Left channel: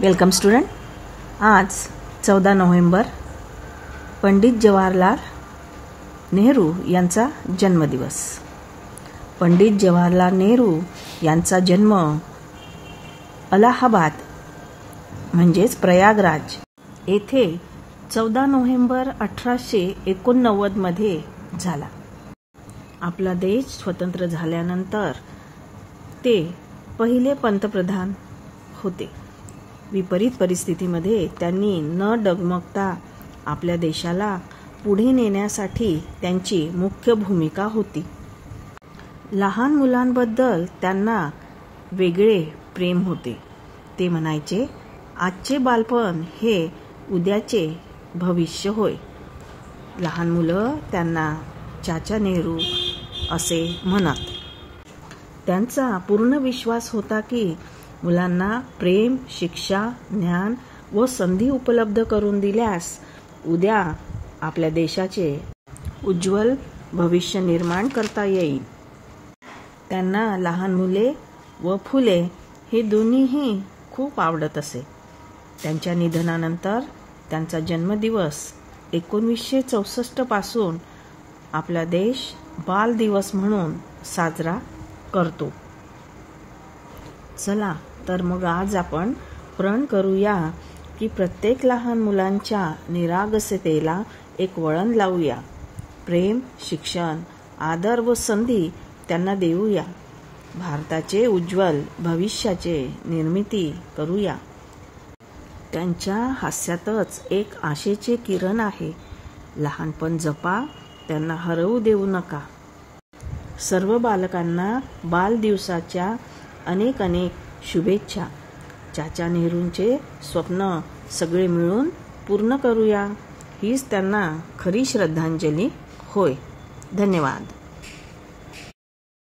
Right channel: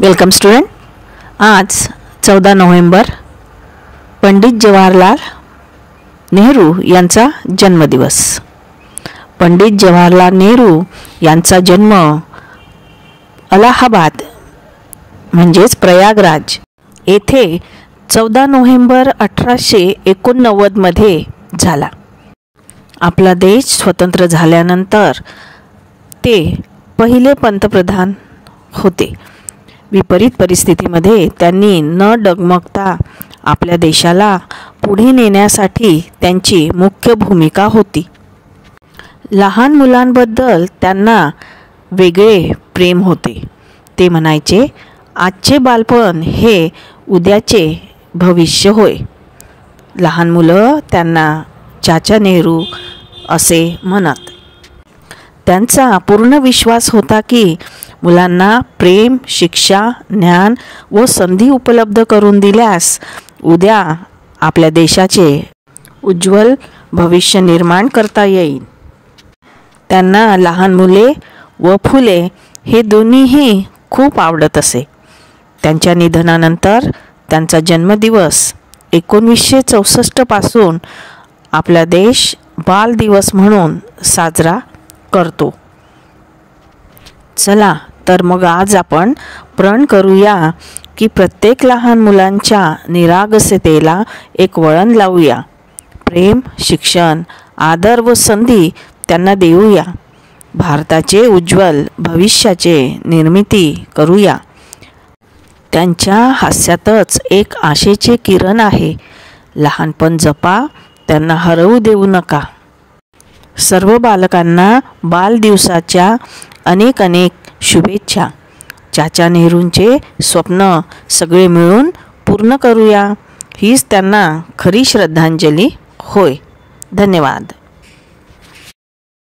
Welcome student. आज 14 November Pandit Jawaharlal Nehru यांचा जन्मदिवस। पंडित जवाहरलाल नेहरू यांचा जन्म अलाहाबाद म्हणजेच प्रयागराज येथे 14 नोव्हेंबर 1889 मध्ये झाला। आपला देश स्वतंत्र झाल्यानंतर ते पहिले पंतप्रधान होते। विपरीत परिस्थितीमध्ये त्यांनी न डगमगता आपल्या देशाला पुढे नेण्यासाठी त्यांची मुख्य भूमिका होती। लहान मुलांबद्दल त्यांना वेगळे प्रेम होते। ते म्हणायचे, आजचे बालपण हे उद्याचे भविष्य होय। लहान मुलं त्यांना चाचा नेहरू असे म्हणत। त्यांचा पूर्ण विश्वास होता की मुलांना प्रेम, शिक्षा, ज्ञान व संधी उपलब्ध करून दिल्यास उद्या आपल्या देशाचे उज्ज्वल भविष्य निर्माण करता येईल। त्यांना लहान मुले व फुले हे दोन्हीही खूप आवडत असे। त्यांच्या निधनानंतर त्यांचा जन्मदिवस 1964 पासून आपला देश बाल दिवस म्हणून साजरा करतो। चला तर मग आज आपण प्रण करूया की प्रत्येक लहान मुलांच्या निरागसतेला एक वळण लावूया। प्रेम, शिक्षण, आदर व संधी त्यांना देऊया। भारताचे उज्ज्वल भविष्याचे निर्मिती करूया। त्यांच्या हास्यातच एक आशेचे किरण आहे। लहानपण जपा, त्यांना हरवू देऊ नका। सर्व बालकांना बालदिवसाच्या अनेक अनेक शुभेच्छा। चाचा नेहरूंचे स्वप्न सगळे मिळून पूर्ण करूया। हीच त्यांना खरी श्रद्धांजली होय। धन्यवाद।